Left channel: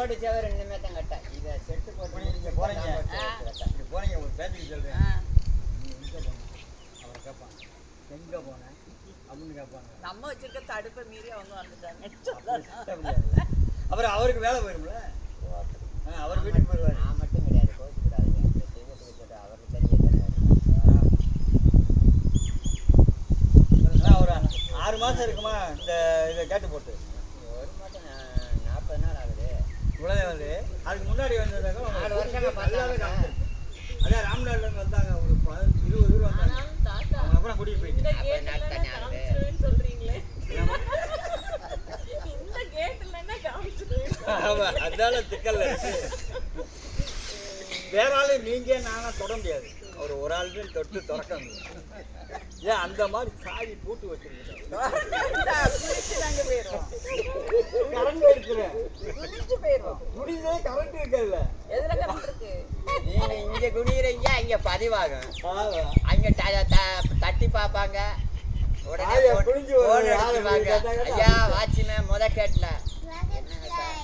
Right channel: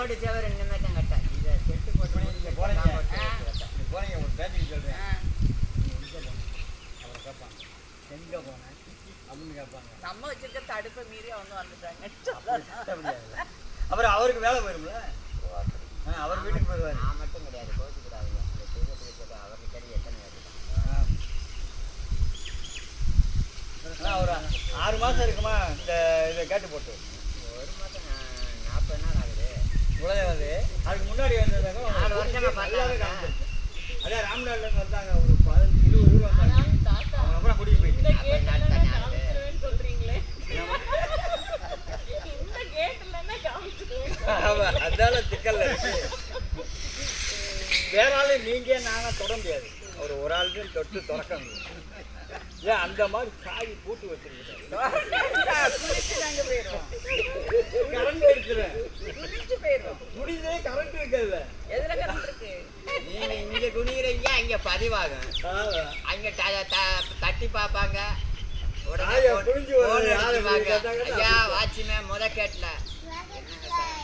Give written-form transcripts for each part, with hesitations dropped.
Road சேவர் இன்னுமே தான் கட்ட இதை செட்டு போட்டு நீங்கள் போகிறீங்க போகிறீங்க ஒரு பேச்சுக்கு சொல்கிறேன் எங்கே போனேன் அவரை கேட்பாங்க எங்கே போனேன் அப்படின்னு கேட்பாங்க. நம்ம வச்சிருக்க தடுப்பை மீறி அவங்க வந்துட்டாங்க. அப்புறம் அவருக்கு வேலை போயிரும்ல. அவர் வீட்டுக்கு போயிடுவார். நான் மட்டும் கிடையாது, கோச்சு கூடாது. அவருக்கு தெரிஞ்ச எத்தனை ஒரு 6 மாதம் இருக்குமா இந்த இதை கேட்டு போட்டு? 1 மாதம் 40 நாள் ஆகுது. இவ்வளோ வந்து அதுக்கு முன்னாடி வந்ததாங்க 4 வருஷமா பார்த்தாங்க. அதான் ராம்நாட்லேருந்து வந்தாங்க, ஒரு 15-20 பேர் வந்தாங்க. அவங்க அப்புறம் கூட்டிகிட்டு போயிட்டு 40 நாள் தானே ஆகுது. அதனால திக்கல்ல வேற ஆளு நீங்க நானா தொட முடியாது. ஒரு ஆளுக்கு தொட்டு திறக்க முடியும். ஏன் அந்த மாதிரி சாவி பூட்டு வச்சிருக்கேன். கரண்ட் இருக்கிறேன் முடிஞ்சே கரண்ட் இருக்குல்ல. எதுல கரண்ட் இருக்கு? நீங்க இங்க குனிகிறீங்க, அங்க பதிவாகும். அங்க தட்டி பார்ப்பாங்க. உடனே புரிஞ்சு ஐயா வாட்சிமே முத கேட்டல என்னங்க சார்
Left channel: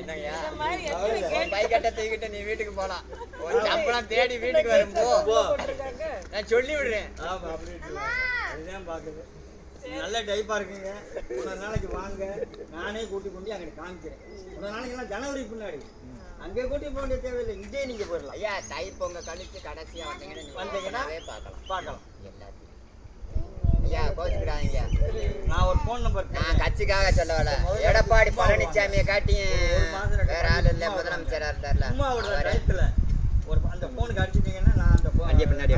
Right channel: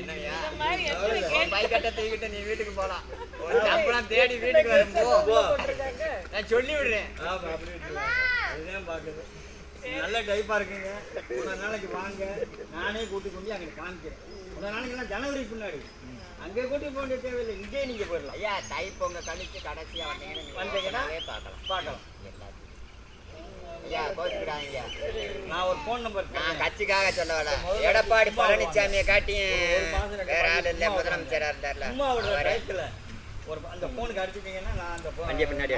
என்னங்கய்யா பைக்கட்டை தூக்கிட்டு நீ வீட்டுக்கு போலாம். ஒரு சம்பளம் தேடி வீட்டுக்கு வரும்போ நான் சொல்லி விடுறேன். அதுதான் பாக்குது. நல்ல டைப்பா இருக்குங்க. ஒரு நாளைக்கு வாங்க, நானே கூட்டி கொண்டு அங்கே காமிக்கிறேன். ஒரு நாளைக்கு ஜனவரி பின்னாடி அங்கே கூட்டி போக வேண்டிய தேவையில்லை, இங்கே நீங்க போயிடலாம். ஐயா தை பொங்க கழிச்சு கடைசியா வந்தீங்கன்னா பார்க்கலாம் எல்லாத்தையும். ஐயா கோச்சுக்கிடாதீங்க, நான் ஒரு ஃபோன் நம்பர் நான் கட்சிக்காக சொல்ல வர. எடப்பாடி பழனிசாமியை காட்டியும் வேற ஆள் இல்லை, முதலமைச்சராக இருந்தார்ல ஒரு அந்த ஃபோனுக்கு அடிச்சிட்டீங்கன்னா நான் அந்த பின்னாடி